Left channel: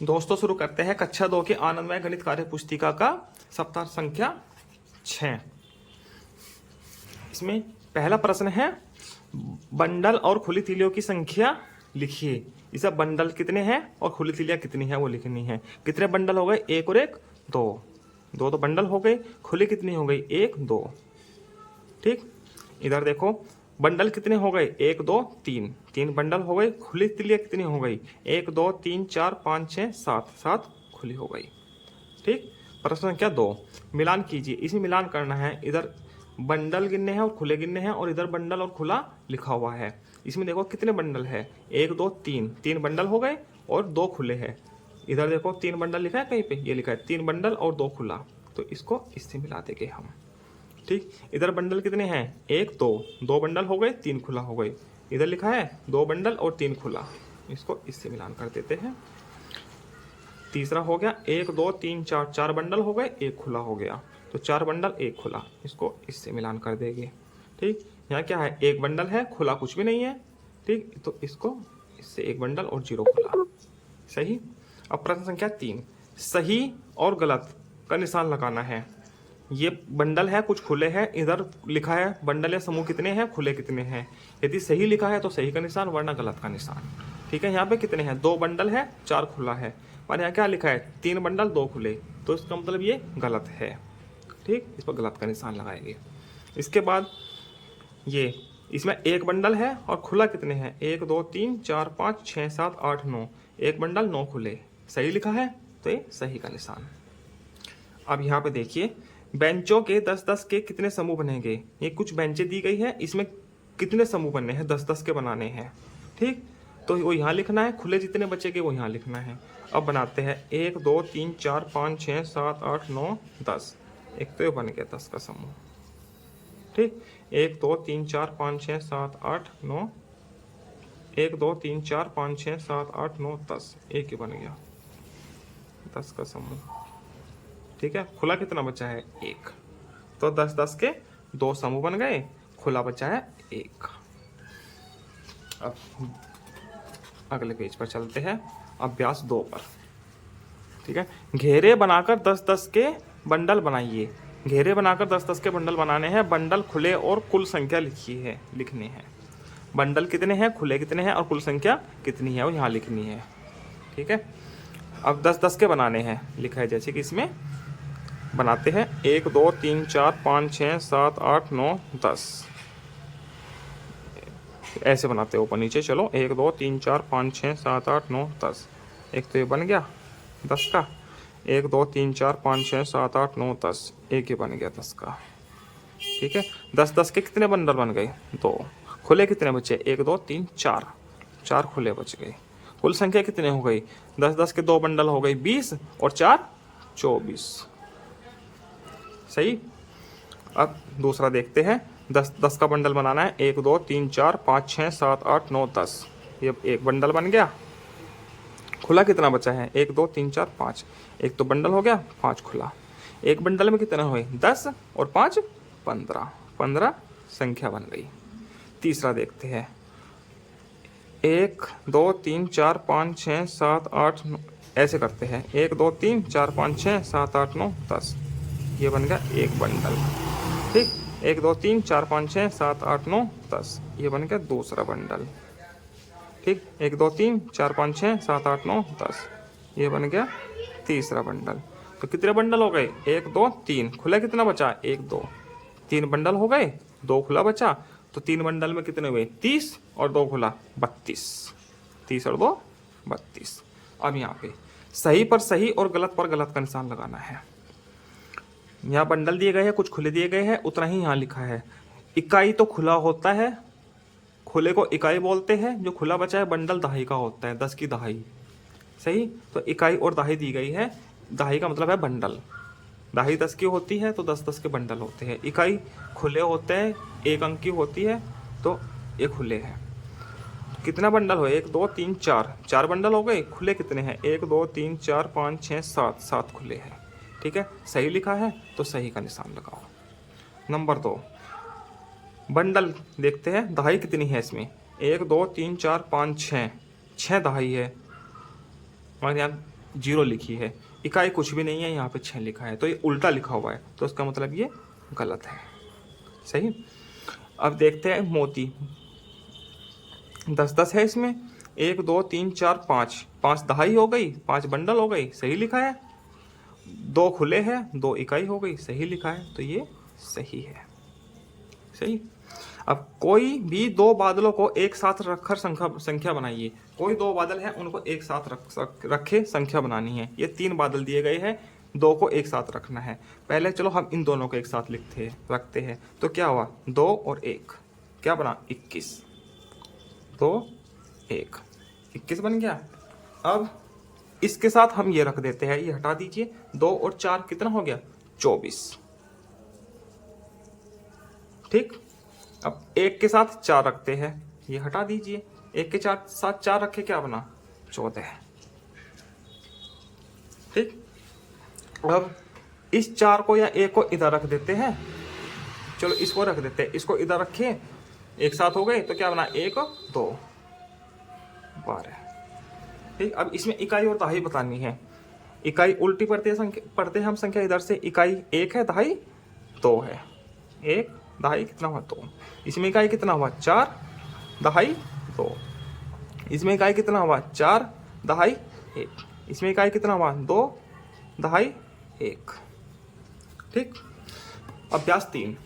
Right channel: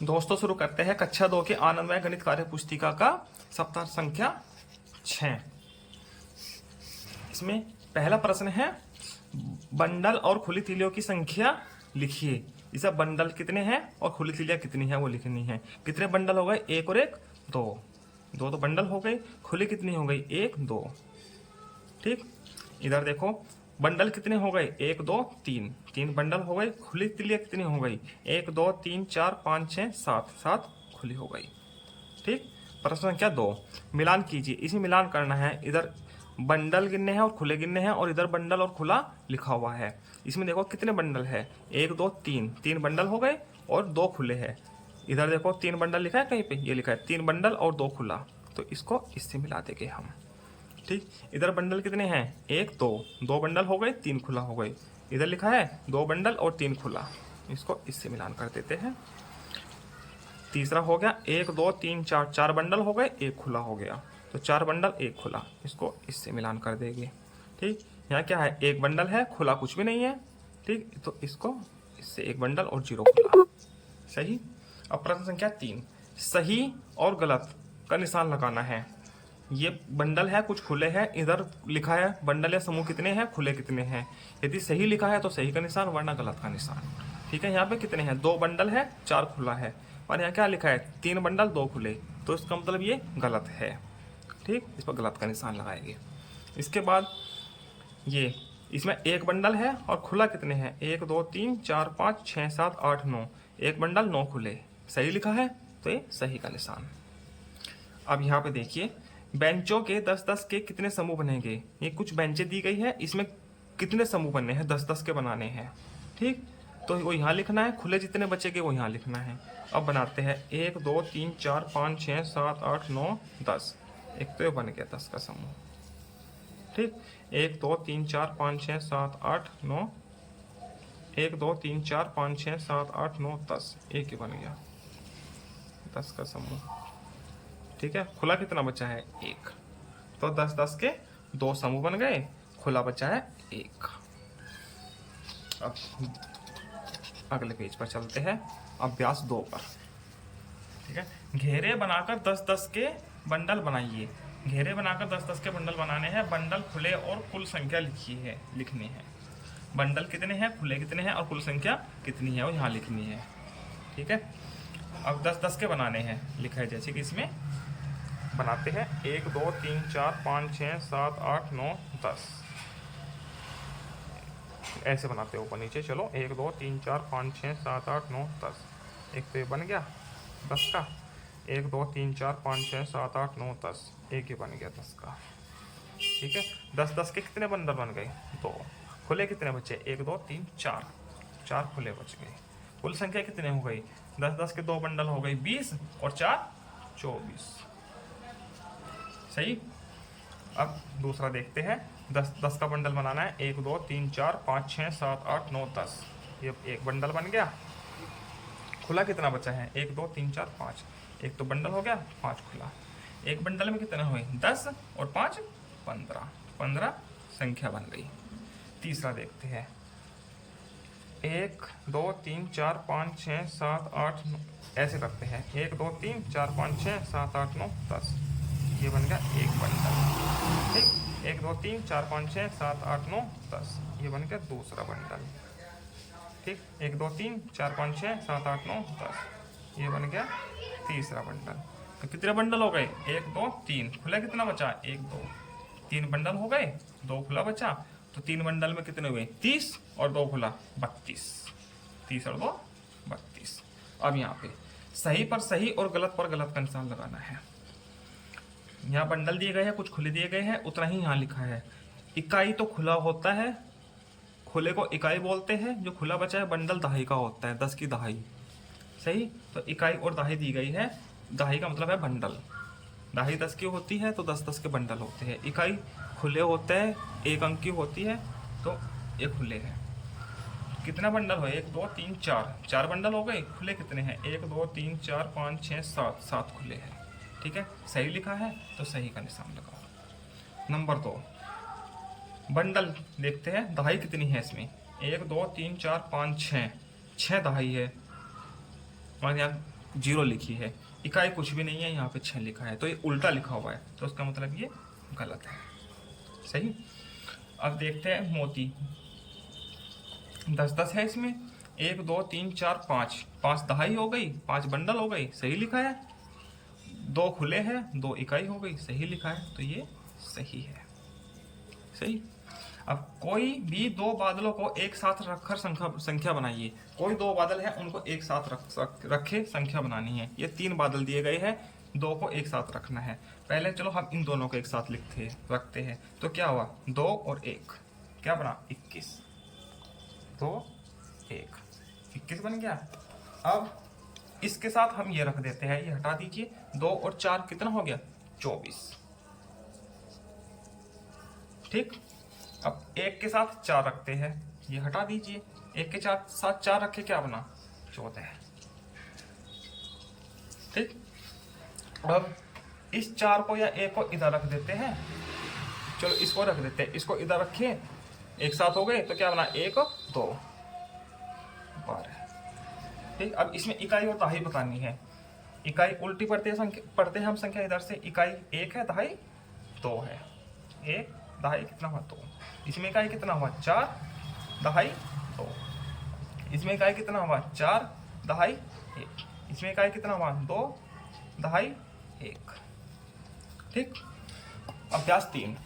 दोस्तों शुरू करते हैं कक्षा 2 के आनंदमय गणित कार्य पुस्तिका का सप्ताह संख्या 6। इसमें पहला प्रश्न है बंडल और खुली तीलियों की संख्या लिखिए। इसे बंडल कितने हैं और खुली तीलियां कितनी है वो लिखनी है। कितने बंडल हो गए? एक और एक दो, दो तो बंडल हो गए। खुली कितनी हो गई? एक दो। ठीक, इधर देखो बंडल कितने हो गए? एक दो तीन, तीन बंडल हो गए। खुली तिलियां कितनी हो गई? एक दो तीन चार पाँच छः सात, सात खुली हो गई। ठीक, प्रश्न संख्या 2 मिलान कीजिए। इसमें मिलान करना है। इधर बंडल गिनने हैं और खुले गिनने हैं और इधर बंडल और खुला लिखा हुआ है। इसमें देखो कितने बंडल है? एक दो तीन, तीन बंडल हो गए और दो खुले हैं। इधर देखो तीन बंडल लिखा है, कहीं पे ये लिखा है तीन बंडल और दो खुला, तो इसको इससे मिला देंगे हम। ठीक, इधर बंडल कितने हैं? एक दो, दो बंडल हो गए, तीन खुला हो गए। इधर लिखा है दो बंडल और तीन खुला, इसको इससे मिलान कर देते हैं। तीसरा हो गया एक दो तीन चार, चार बंडल हो गए, एक खुला हो गया, तो चार बंडल एक खुला, इसको इससे मिलान कर देंगे। ठीक, यहाँ क्या है? एक बंडल है, खुला कुछ भी नहीं है। ठीक, तो इसको इससे एक बंडल और जीरो खुला। सही। अब प्रश्न संख्या 3 सही और गलत का निशान लगाना है। ये बंडल है, कुछ खुले हैं। इधर लिखा है बंडल या समूह कितने हैं, खुले कितने हैं। यदि सही लिखा है तो सही का निशान, वरना गलत का निशान। ठीक है, यहाँ पे कितने हैं? दो बंडल है, चार खुला है। और यहाँ क्या लिखा है? तीन बंडल दो खुले, तो इसका मतलब ये गलत है। ठीक, इस पर गलत का निशान लगाएंगे। इसके बाद ये इसमें एक बंडल है और खुला कितने हैं? एक दो तीन चार पाँच छः सात आठ नौ, एक बंडल नौ खुले। सही लिखा है तो ये सही का निशान। अब यहाँ पे देखिए बेंचों के 10-10 के कितने समूह बनेंगे। ये कुछ बेंचें दी गई है, इसमें कितने समूह बनने हैं? 10-10 के बनाने हैं। ठीक, तो वो यहाँ लिखना है। खुले जितने बचेंगे वो यहाँ लिखना है। अब बनाते हैं एक दो तीन चार पाँच छः सात आठ नौ 10। एक तो ये बन गया 10 का समूह। ठीक, एक दो तीन चार पाँच छः सात आठ नौ, एक दो तीन चार पाँच छः सात आठ नौ 10, एक ही बन गया 10 का समूह। ठीक है, खुला कितना बचा है? एक, तो 10-10 के दो समूह बन गए, खुला बचा है एक। अब अगले पेज पर चलते हैं, अभ्यास 2 पर। ठीक है, घेरे बनाकर 10-10 के बंडल बनाइए। घेरे बनाकर 10-10 के बंडल बनाने हैं। बंडल खुले और कुल संख्या लिखने हैं। बंडल कितने हैं, खुले कितने हैं और कुल संख्या कितनी है वो यहाँ लिखनी है। ठीक है, अब 10-10 के बनाने हैं। लिखा है जैसे कि इसमें बनाते हैं एक दो तीन चार पाँच छः सात आठ नौ 10, ऐसे बनाते हैं ऊपर नीचे। चलो एक दो तीन चार पाँच छः सात आठ नौ 10, एक तो ये बन गया 10 का। एक दो तीन चार पाँच छः सात आठ नौ 10, एक ही बन गया 10 का। ठीक है, 10-10 के कितने बंडल बन गए? दो। खुले कितने बचे? एक दो तीन चार, चार खुले बच गए। कुल संख्या कितने हो गई? 10-10 के दो बंडल हो गई 20 और चार 24। सही। अब दूसरा देखते हैं। 10-10 का बंडल बनाना है। एक दो तीन चार पाँच छः सात आठ नौ 10, ये एक बंडल बन गया। खुला कितना बचा है? एक दो तीन चार पाँच, एक तो बंडल हो गया, पाँच खुला। एक बंडल में कितना हुए? 10 और 5 15, 15 संख्या बन गई। तीसरा देखते हैं। एक दो तीन चार पाँच छः सात आठ नौ, ऐसे करते हैं। एक दो तीन चार पाँच छः सात आठ नौ 10, ये बन गया एक बंडल। ठीक, एक दो तीन चार पाँच छः सात आठ नौ 10, ये बन गया दूसरा बंडल। ठीक, एक दो तीन चार पाँच छः सात आठ नौ 10, ये बन गया तीसरा बंडल। तो कितने बंडल हो गए? एक दो तीन, खुला कितना बचा? एक दो, तीन बंडल हो गए, दो खुला बचा, तो तीन बंडल में कितने हुए? 30 और दो खुला 32, 30 और दो 32। अब यहाँ पे सही पर सही और गलत पर गलत का निशान लगाना है। यहाँ बंडल दिए गए हैं, कुछ खुले दिए गए हैं, उतना ही यहाँ लिखा है। इकाई तो खुला होता है, खुले को इकाई बोलते हैं। जो खुला बचा है बंडल दहाई का होता है, 10 की दहाई। सही, तो इकाई और दहाई दी गई है। दहाई का मतलब है बंडल। दहाई 10 की होती है तो 10-10 के बंडल होते हैं। इकाई खुले होते हैं, एक अंक की होती है, तो ये खुले हैं। कितना बंडल हो? एक दो तीन चार, चार बंडल हो गए। खुले कितने हैं? एक दो तीन चार पाँच छः सात, सात खुले हैं। ठीक है, सही लिखा है तो सही का निशान लगाओ। नंबर 2 बंडल देखते हैं। दहाई कितनी है इसमें? एक दो तीन चार पाँच छः, 6 दहाई है। और यहाँ 0 लिखी है, इकाई कुछ भी नहीं है, यहाँ पे 6 लिखा है, तो ये उल्टा लिखा हुआ है, तो उसका मतलब ये गलत है। सही। अब देखते हैं मोती। 10-10 है इसमें, 1 2 3 4 5, 5 दहाई हो गई, 5 बंडल हो गई, सही लिखा है। 2 खुले हैं, 2 इकाई हो गई, सही लिखा है, तो ये सही है। सही। अब कोई भी 2 बादलों को एक साथ रखकर संख्या बनाइए। कोई 2 बादल है, उनको एक साथ रखे संख्या बनानी है। ये 3 बादल दिए गए हैं, 2 को एक साथ रखना है। पहले चलो हम इन दोनों को एक साथ रखते हैं, तो क्या हुआ, 2 और 1, क्या बना, 21। 2 1 21 बन गया। अब इसके साथ हम ये रख देते हैं, ये हटा दीजिए, 2 और 4 कितना हो गया, 24। ठीक। अब 1 के साथ 4 रखते हैं, ये हटा दीजिए, 1 के साथ 4 रखे, क्या बना, 14। ठीक। अब इस 4 को या 1 को इधर रख देते हैं, चलो इसको रख देते हैं, इसको इधर रखे, एक साथ हो गए, तो क्या बना, 1 2 12। ठीक। अब इसमें इकाई और दहाई बतानी है। इकाई उल्टी पढ़ते हैं हम संख्या इधर से, इकाई 1 है, दहाई 2 है। 1 दहाई कितना हुआ, 2। इसमें इकाई कितना हुआ, 4 दहाई 2। इसमें इकाई कितना हुआ, 4 दहाई 1। इसमें इकाई कितना हुआ, 2 दहाई 1। ठीक। अभ्यास 3,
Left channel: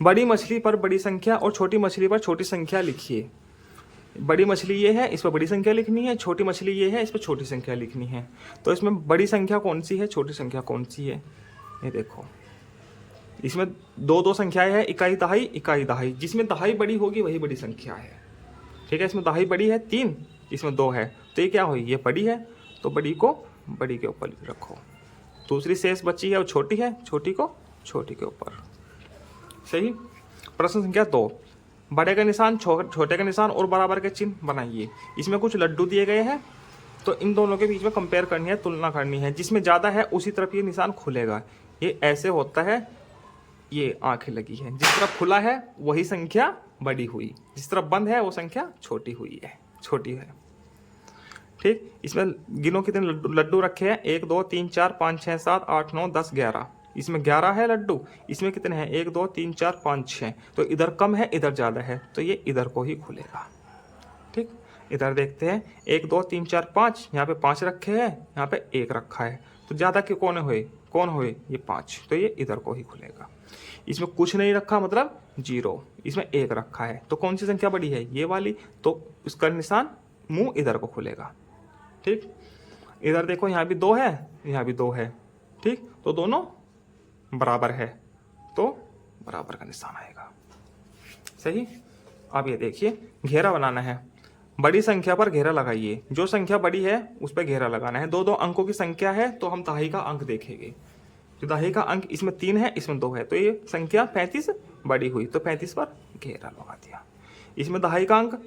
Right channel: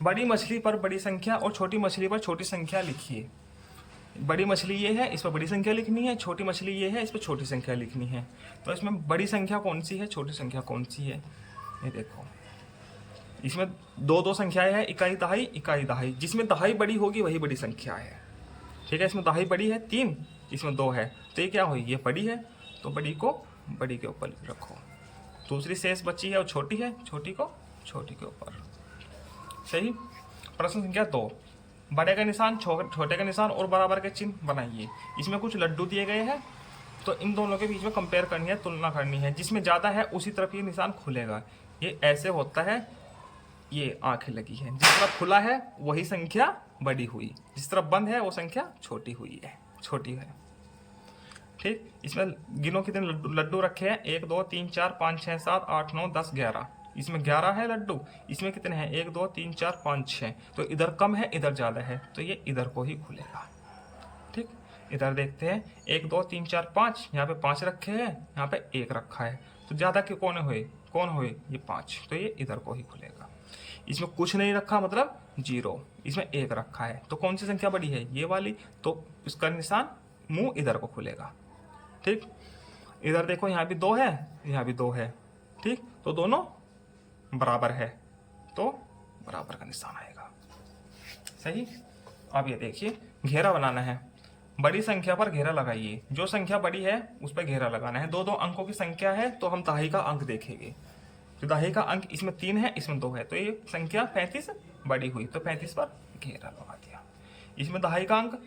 बड़ी मछली पर बड़ी संख्या और छोटी मछली पर छोटी संख्या लिखिए। बड़ी मछली ये है, इस पर बड़ी संख्या लिखनी है, छोटी मछली ये है, इस पर छोटी संख्या लिखनी है। तो इसमें बड़ी संख्या कौन सी है, छोटी संख्या कौन सी है, ये देखो। इसमें 2 संख्याएं हैं, इकाई दहाई। जिसमें दहाई बड़ी होगी वही बड़ी संख्या है। ठीक है। इसमें दहाई बड़ी है 3, इसमें 2 है, तो ये क्या हुई, ये बड़ी है, तो बड़ी को बड़ी के ऊपर रखो। दूसरी शेष बची है वो छोटी है, छोटी को छोटी के ऊपर। सही। प्रश्न संख्या 2, बड़े का निशान, छोटे का निशान और बराबर के चिन्ह बनाइए। इसमें कुछ लड्डू दिए गए हैं, तो इन दोनों के बीच में कंपेयर करनी है, तुलना करनी है। जिसमें ज़्यादा है उसी तरफ ये निशान खुलेगा। ये ऐसे होता है, ये आंखें लगी है, जिस तरफ खुला है वही संख्या बड़ी हुई, जिस तरफ बंद है वो संख्या छोटी हुई है, छोटी है। ठीक। इसमें गिनो कितने लड्डू रखे हैं, 1 2 3 4 5 6 7 8 9 10 11। इसमें 11 है लड्डू, इसमें कितने हैं, 1 2 3 4 5 6। तो इधर कम है, इधर ज़्यादा है, तो ये इधर को ही खुलेगा। ठीक। इधर देखते हैं, 1 2 3 4 5, यहाँ पे 5 रखे हैं, यहाँ पे 1 रखा है, तो ज़्यादा क्यों कौन हुए, ये 5, तो ये इधर को ही खुलेगा। इसमें कुछ नहीं रखा, मतलब 0। इसमें 1 रखा है, तो कौन सी संख्या बड़ी है, ये वाली, तो उसका निशान मुंह इधर को खुलेगा। ठीक। इधर देखो, यहाँ भी 2 है, यहाँ भी 2 है। ठीक। तो दोनों बराबर है, तो बराबर का निशान आएगा। सही। अब ये देखिए, घेरा बनाना है। बड़ी संख्या पर घेरा लगाइए। जो संख्या बड़ी है उस पर घेरा लगाना है। 2 अंकों की संख्या है, तो हम दहाई का अंक देखेंगे। जो दहाई का अंक इसमें 3 है, इसमें 2 है, तो ये संख्या 35 बड़ी हुई, तो 35 पर घेरा लगा दिया। इसमें दहाई का अंक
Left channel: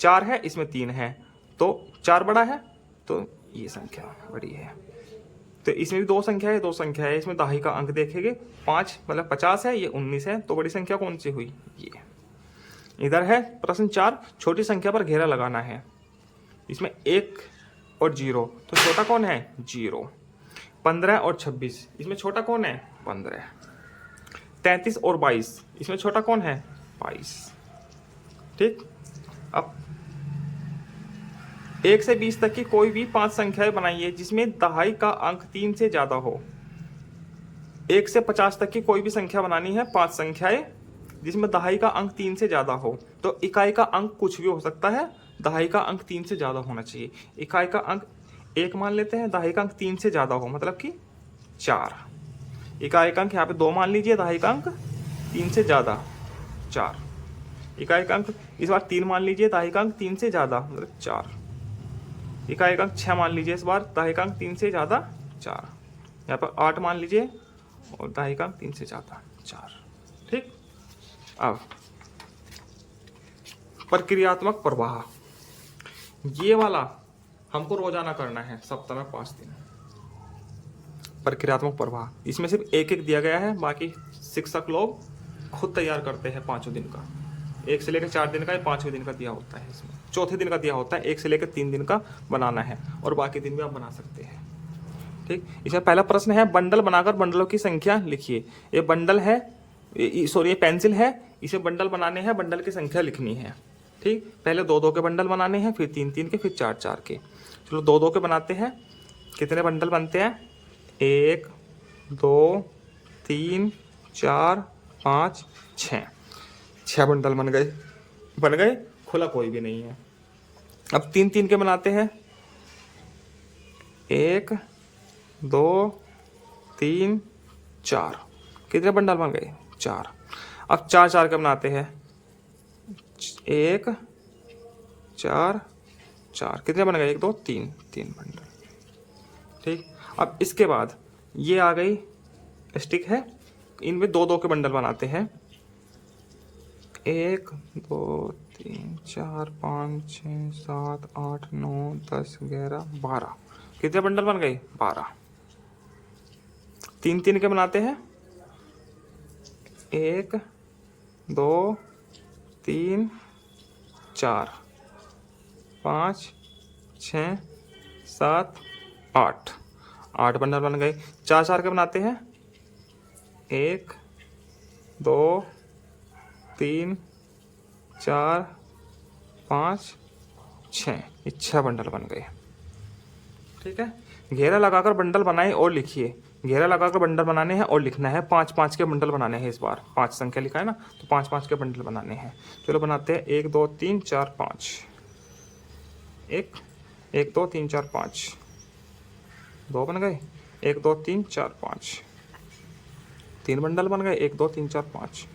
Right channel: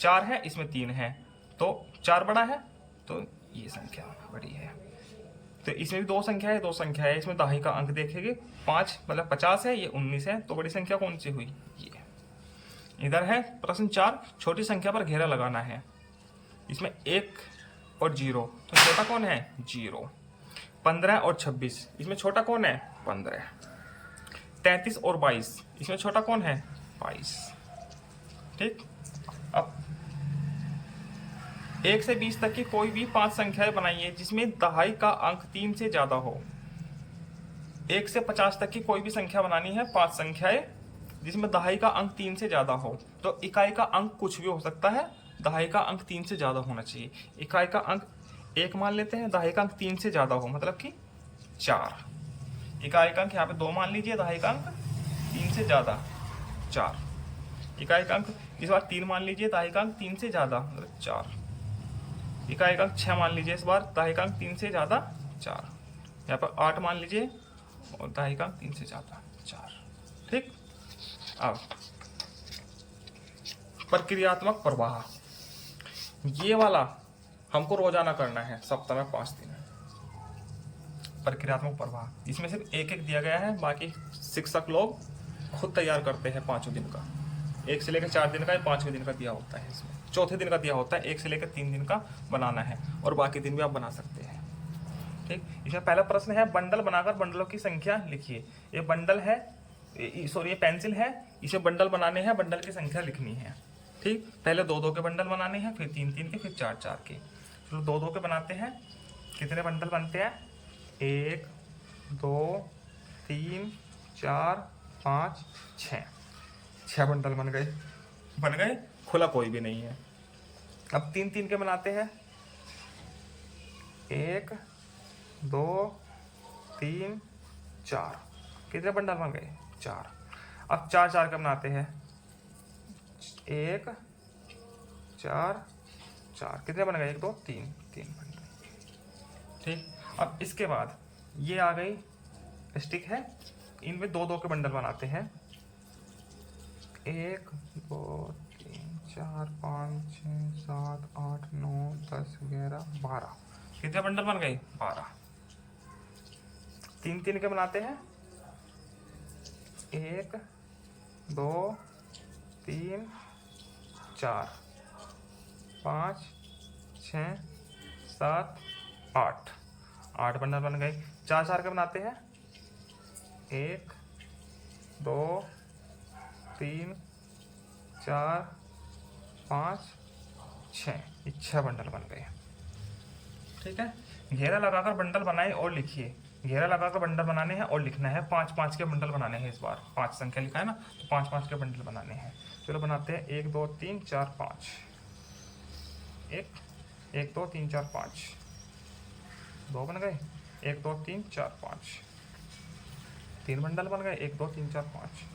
4 है, इसमें 3 है, तो 4 बड़ा है, तो ये संख्या बड़ी है। तो इसमें भी 2 संख्या है, इसमें दहाई का अंक देखेंगे, 5 मतलब 50 है, ये 19 है, तो बड़ी संख्या कौन सी हुई, ये। इधर है प्रश्न 4, छोटी संख्या पर घेरा लगाना है। इसमें 1 और 0, तो छोटा कौन है, 0। 15 और 26, इसमें छोटा कौन है, 15। 33 और 22, इसमें छोटा कौन है, 22। ठीक। अब 1 से 20 तक की कोई भी 5 संख्याएं बनाइए जिसमें दहाई का अंक 3 से ज्यादा हो। 1 से 50 तक की कोई भी संख्या बनानी है, 5 संख्याएं जिसमें दहाई का अंक 3 से ज्यादा हो। तो इकाई का अंक कुछ भी हो सकता है, दहाई का अंक 3 से ज्यादा होना चाहिए। इकाई का अंक 1 मान लेते हैं, दहाई का अंक 3 से ज्यादा हो, मतलब कि 4। इकाई का अंक यहाँ पे 2 मान लीजिए, दहाई का अंक 3 से ज्यादा 4। इकाई का अंक इस बार 3 मान लीजिए, दहाई का अंक 3 से ज्यादा मतलब 4। इकाई का अंक 6 मान लीजिए, इस बार दहाई का अंक 3 से ज्यादा 4। यहाँ पर 8 मान लीजिए और दहाई का अंक 3 से ज्यादा 4। ठीक। अब प्रक्रियात्मक प्रवाह, ये वाला हमको रोजाना करना है, सप्ताह में 5 दिन। प्रक्रियात्मक प्रवाह, इसमें सिर्फ एक दिया गया है, बाकी शिक्षक लोग खुद तैयार करते हैं 5 दिन का। 1 से लेकर 4 दिन का या 5वें दिन का दिया होता है, इसमें चौथे दिन का दिया होता है, 1 से लेकर 3 दिन का बनाना है और बाकी दिन भी आप बना सकते हैं। ठीक, इसमें पहला प्रश्न है बंडल बनाकर बंडलों की संख्या लिखिए। ये बंडल है, सॉरी ये पेंसिल है, इसे बंडल बनाने हैं, बंडल की संख्या लिखनी है। ठीक, पहले 2-2 के बंडल बनाने हैं, फिर 3-3 के, फिर 4-4 के। चलो 2-2 के बनाते हैं। कितने बंडल बनते हैं? 1 2 3 4 5 6, 6 बंडल बन गए, खुला कोई भी नहीं है। अब 3-3 के बनाते हैं। 1 2 3 4, कितने बंडल बन गए? 4। अब 4-4 के बनाते हैं। 1 4 4, कितने बन गए? 1 2 3, 3 बंडल। ठीक, अब इसके बाद ये आ गई स्टिक है, इनमें 2-2 के बंडल बनाते हैं। 1 2 3 4 5 6 7 8 9 10 11 12, कितने बंडल बन गए? 12। 3-3 के बनाते हैं। 1 2 3 4 5 6 7 8, 8 बंडल बन गए। 4-4 के बनाते हैं। 1 2 3 4 5 6, 6 बंडल बन गए। ठीक है, घेरा लगाकर बंडल बनाएं और लिखिए। घेरा लगाकर बंडल बनाने हैं और लिखना है। 5-5 के बंडल बनाने हैं। इस बार 5 संख्या लिखा है ना, तो 5-5 के बंडल बनाने हैं। चलो बनाते हैं। 1 2 3 4 5, 1 2 3 4 5, 2 बन गए। 1 2 3 4 5, 3 बंडल बन गए। 1 2 3 4 5,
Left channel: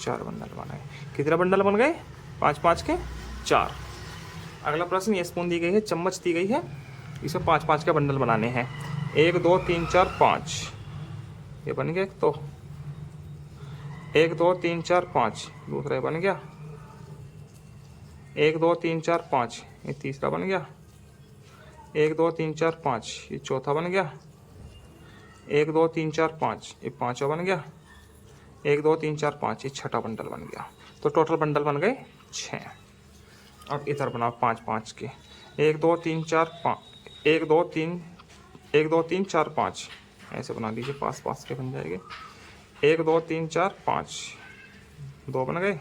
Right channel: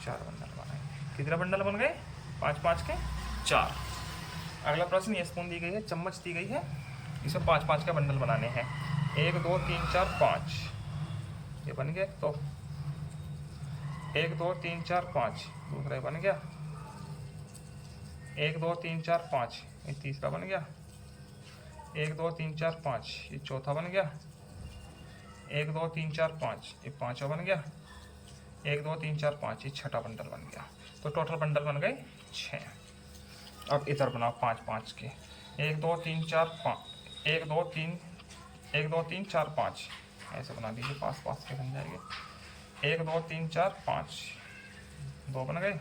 4 बंडल बन गए। कितने बंडल बन गए? 5-5 के 4। अगला प्रश्न, ये स्पून दी गई है, चम्मच दी गई है, इसमें 5-5 के बंडल बनाने हैं। 1 2 3 4 5, ये बन गया। तो 1 2 3 4 5, दूसरा ये बन गया। 1 2 3 4 5, ये तीसरा बन गया। 1 2 3 4 5, ये चौथा बन गया। 1 2 3 4 5, ये पांचवा बन गया। 1 2 3 4 5, ये छठा बंडल बन गया। तो टोटल बंडल बन गए 6। अब इधर बनाओ 5-5 के। 1 2 3 4 5, 1 2 3 4 5, ऐसे बना लीजिए, पास के बन जाएंगे। 1 2 3 4 5, 2 बन गए।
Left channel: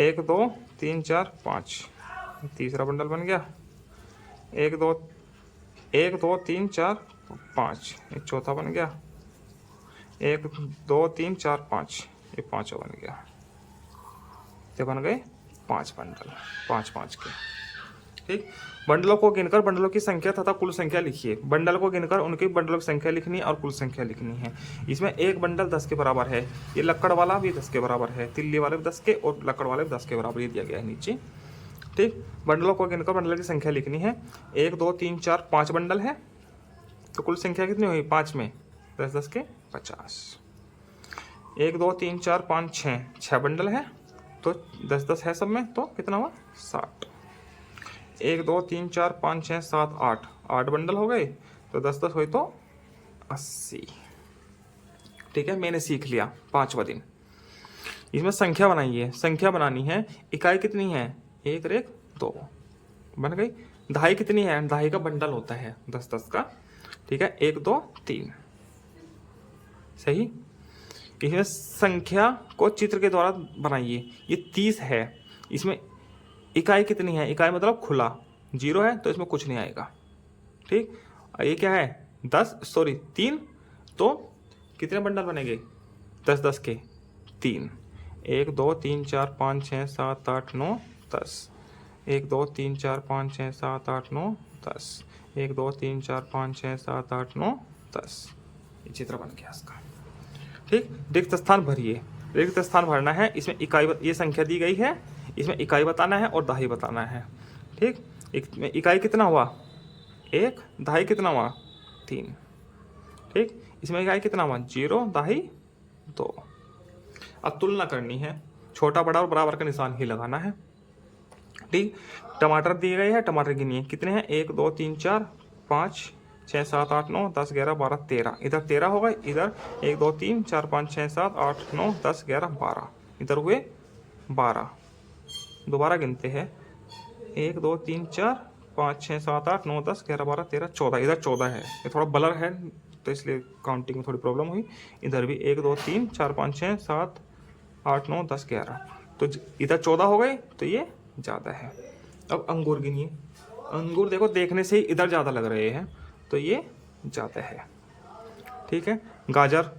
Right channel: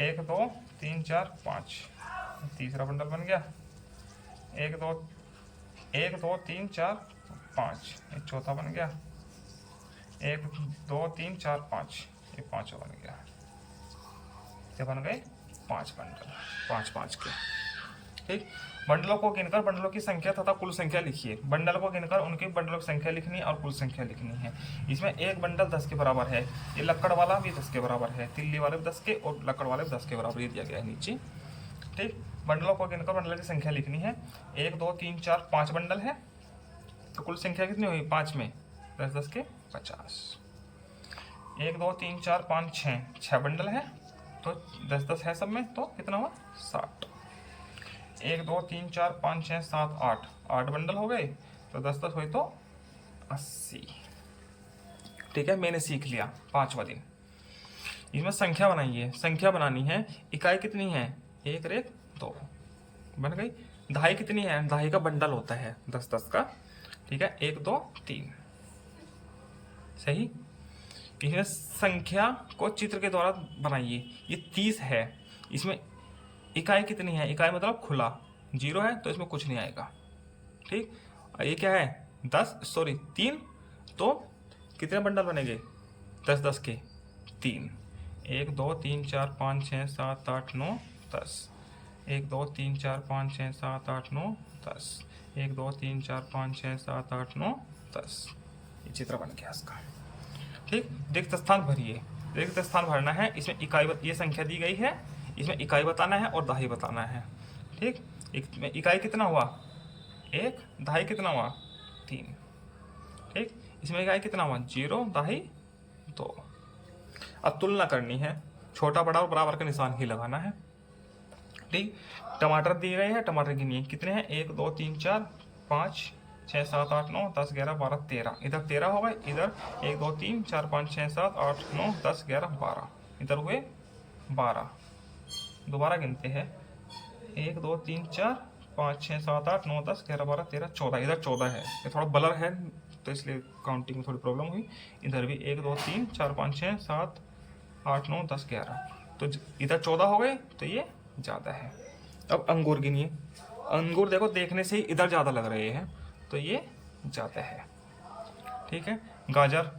1 2 3 4 5, तीसरा बंडल बन गया। 1 2 3 4 5, एक चौथा बन गया। 1 2 3 4 5, ये पांचवा बन गया। ये बन गए 5 बंडल, 5-5 के। ठीक, बंडलों को गिनकर बंडलों की संख्या तथा कुल संख्या लिखिए। बंडल को गिनकर उनके बंडलों की संख्या लिखनी और कुल संख्या लिखनी है। इसमें एक बंडल 10 के बराबर है। ये लक्कड़ वाला भी 10 के बराबर है, तिल्ली वाले भी 10 के और लक्कड़ वाले भी 10 के बराबर, ये दिया गया है नीचे। ठीक, बंडलों को गिनकर बंडल की संख्या लिखनी है। 1 2 3 4 5 बंडल है, तो कुल संख्या कितनी हुई? 5 में 10-10 के 50। 1 2 3 4 5 6, 6 बंडल है, तो 10-10 है सब में, तो कितना हुआ? 60। 1 2 3 4 5 6 7 8, 8 बंडल हो गए, तो 10-10 हुई तो 80। ठीक है, मैंने सीख लिया 5वां दिन। इसमें संख्या बनाइए। संख्या बनानी है। इकाई कितनी है? 1 1 2 बन गई। दहाई कितनी है? दहाई का बंडल होता है 10-10 का। ठीक है, 1 2 3, सही। इसमें संख्या को चित्र के द्वारा बनाइए। ये 30 है। इसमें इकाई कितनी है? इकाई मतलब खुला, 0 है तो इसमें कुछ नहीं आएगा। ठीक, ये क्या है? 3, तो कितने बंडल बनेंगे? 10-10 के 3। 1 2 3 4 5 6 7 8 9 10। 1 2 3 4 5 6 7 8 9 10। 1 2 3 4 5 6 7 8 9 10। ये चित्र बन गया इसका। ठीक, रिक्त स्थान भरिए। रिक्त स्थान भरना है। इसमें इकाई, ये संख्या दी गई है, इसमें इकाई बताना है और दहाई बताना है। ठीक, इकाई कितना हुआ? 1, दहाई कितना हुआ? 3। ठीक, इसमें इकाई कितना हुआ? 0, दहाई 2। अब तुलना करनी है। छोटा बड़ा और बराबर का निशान ही लगाना है। ठीक, टमाटर दिए गए हैं, टमाटर गिनिए कितने हैं? 1 2 3 4 5 6 7 8 9 10 11 12 13। इधर 13 हो गए, इधर 1 2 3 4 5 6 7 8 9 10 11 12, इधर हुए 12। दोबारा गिनते हैं, 1 2 3 4 5 6 7 8 9 10 11 12 13 14। इधर 14 है, ये थोड़ा ब्लर है तो इसलिए काउंटिंग में थोड़ी प्रॉब्लम हुई। इधर भी 1 2 3 4 5 6 7 8 9 10 11, तो इधर 14 हो गए, तो ये ज़्यादा है। अब अंगूर गिनिए, अंगूर देखो देखने से ही इधर ज़्यादा लग रहे हैं, तो ये ज़्यादा है। ठीक है, गाजर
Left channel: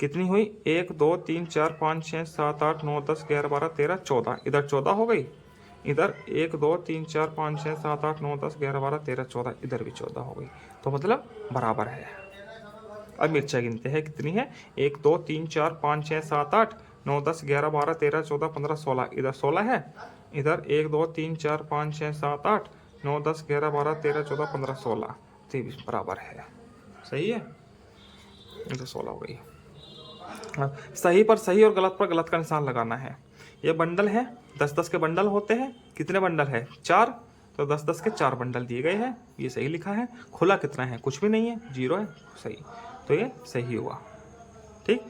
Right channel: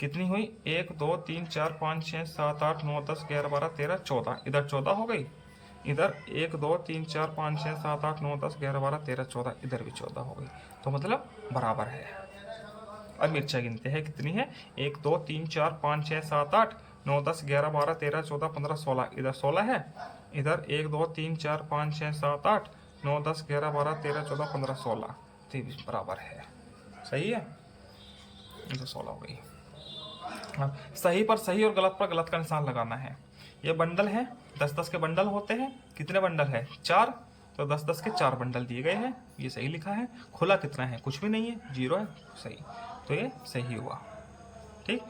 कितनी हुई, 1 2 3 4 5 6 7 8 9 10 11 12 13 14, इधर 14 हो गई, इधर 1 2 3 4 5 6 7 8 9 10 11 12 13 14, इधर भी 14 हो गई, तो मतलब बराबर है। अब मिर्चा गिनते हैं कितनी है, 1 2 3 4 5 6 7 8 9 10 11 12 13 14 15 16, इधर 16 है, इधर 1 2 3 4 5 6 7 8 9 10 11 12 13 14 15 16, तो भी बराबर है। सही है, इधर 16 हो गई। सही पर सही और गलत पर गलत का निशान लगाना है। ये बंडल है, 10-10 के बंडल होते हैं। कितने बंडल है, 4, तो 10-10 के 4 बंडल दिए गए हैं, ये सही लिखा है। खुला कितना है, कुछ भी नहीं है, 0 है, सही, तो ये सही हुआ। ठीक,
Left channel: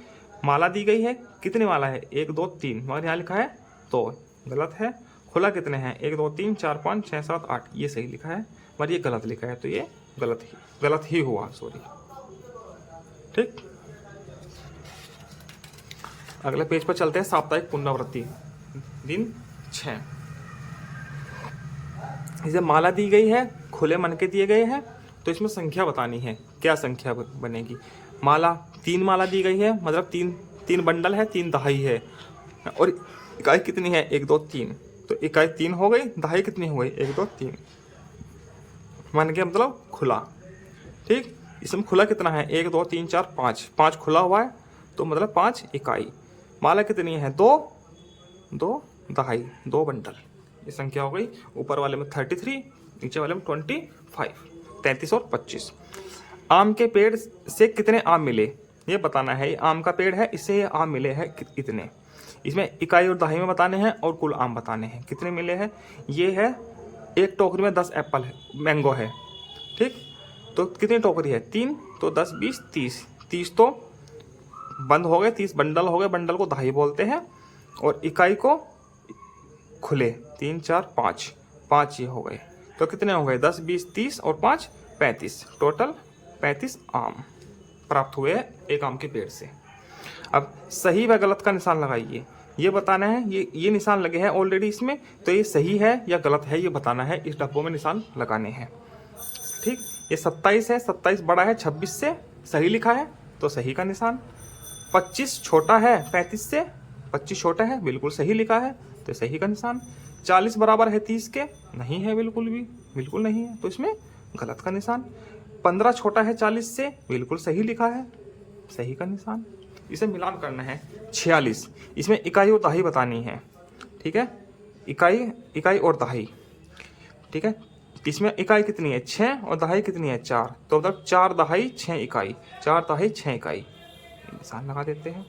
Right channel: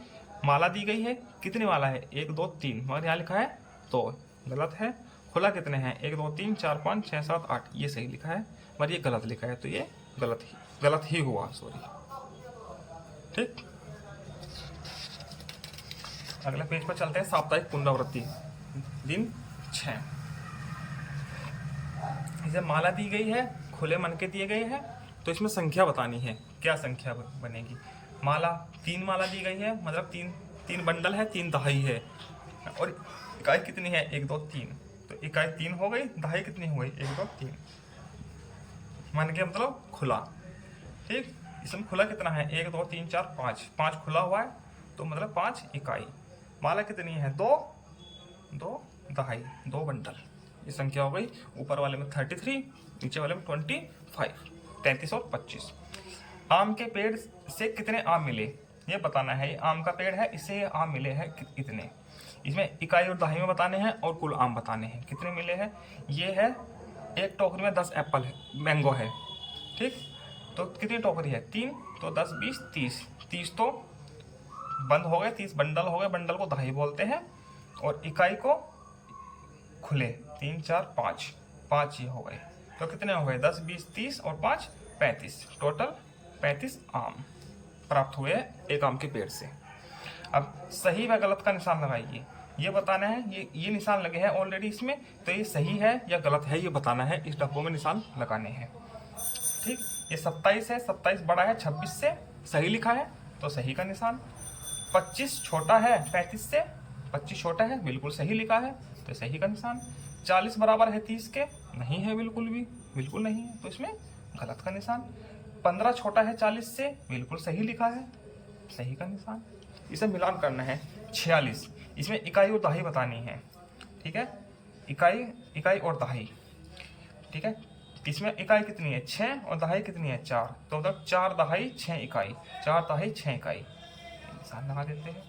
माला दी गई है, कितनी माला है, 1 2 3, मगर यहाँ लिखा है तो गलत है। खुला कितने हैं, 1 2 3 4 5 6 7 8, ये सही लिखा है, मगर ये गलत लिखा है, तो ये गलत ही हुआ, सॉरी। ठीक, अगले पेज पर चलते हैं। साप्ताहिक पुनरावृत्ति, दिन 6। इसे माला दी गई है, खुले मन के दिए गए हैं, तो इसमें संख्या बतानी है, क्या संख्या बनेगी। माला 3 माला दी गई है, मतलब 3 बंडल है, 3 दहाई है, और इकाई कितनी है, 1 2 3, तो इकाई 3 हो गई, दहाई कितनी हो गई, 1 2 3। मन के मतलब खुला। ठीक, इसमें खुला कितना है, 1 2 3 4 5 खुला हुआ है, तो मतलब 5 इकाई। माला कितनी है, 2 दहाई, 2 बंडल, ये संख्या हो गई। ऊपर वाले में 33, नीचे वाले में 25, 33 और 25। आम के पेड़ से कितने आम मिले, ये बताना है। ये आम का पेड़ है, इससे ये आम मिले हैं कितने, इसमें इकाई और दहाई में बताने हैं, और कुल आम बताने हैं कितने मिले हैं। ये है, एक टोकरी में 10 एप्पल है, मैंगो है। ठीक, तो कितनी टोकरी है, 3, तो 10 20 30, 30 तो बंद हो गए, 30 बंडल हो गए, बंडल को दहाई बोलते हैं, और इकाई को खुले, 3 4 5 ये हो गए, तो कितने हो गए, 10 20 30 और 5 35, टोटल 35 आम प्राप्त हुए एक आम के पेड़ से। अब सही व गलत का निशान लगाइए, ये बताना है। ये निशान लगे हैं ऑलरेडी इसमें, तो ये सही है या गलत है, ये बताना है। इस डब्बों में निशान लगाने हैं। ठीक, ये 27 है, 27 बड़ा है 26 से, सही लिखा है, तो सही का निशान। 25 छोटा है 35 से, 25 छोटा है, बिल्कुल सही लिखा है, तो सही का निशान। 40 बराबर है 30 के, नहीं है, बिल्कुल नहीं है, तो इसमें गलत का निशान। 15 छोटा है 40 से, बिल्कुल सही लिखा है, सही का निशान। इसे मिलान करना है, 46। इसमें इकाई और दहाई बतानी है। ठीक है, इकाई और दहाई। ठीक है, इसमें इकाई कितनी है, 6, और दहाई कितनी है, 4, तो मतलब 4 दहाई 6 इकाई, 4 दहाई 6 इकाई, निशान लगा देते हैं।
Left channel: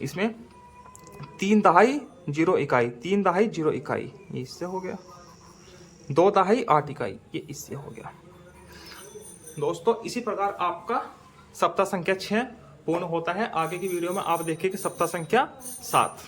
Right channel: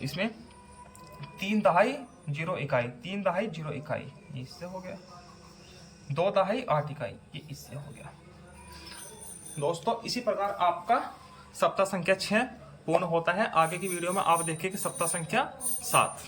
इसमें 3 दहाई 0 इकाई, 3 दहाई 0 इकाई, ये इससे हो गया। 2 दहाई 8 इकाई, ये इससे हो गया। दोस्तों, इसी प्रकार आपका सप्ताह संख्या 6 पूर्ण होता है। आगे की वीडियो में आप देखिए कि सप्ताह संख्या 7।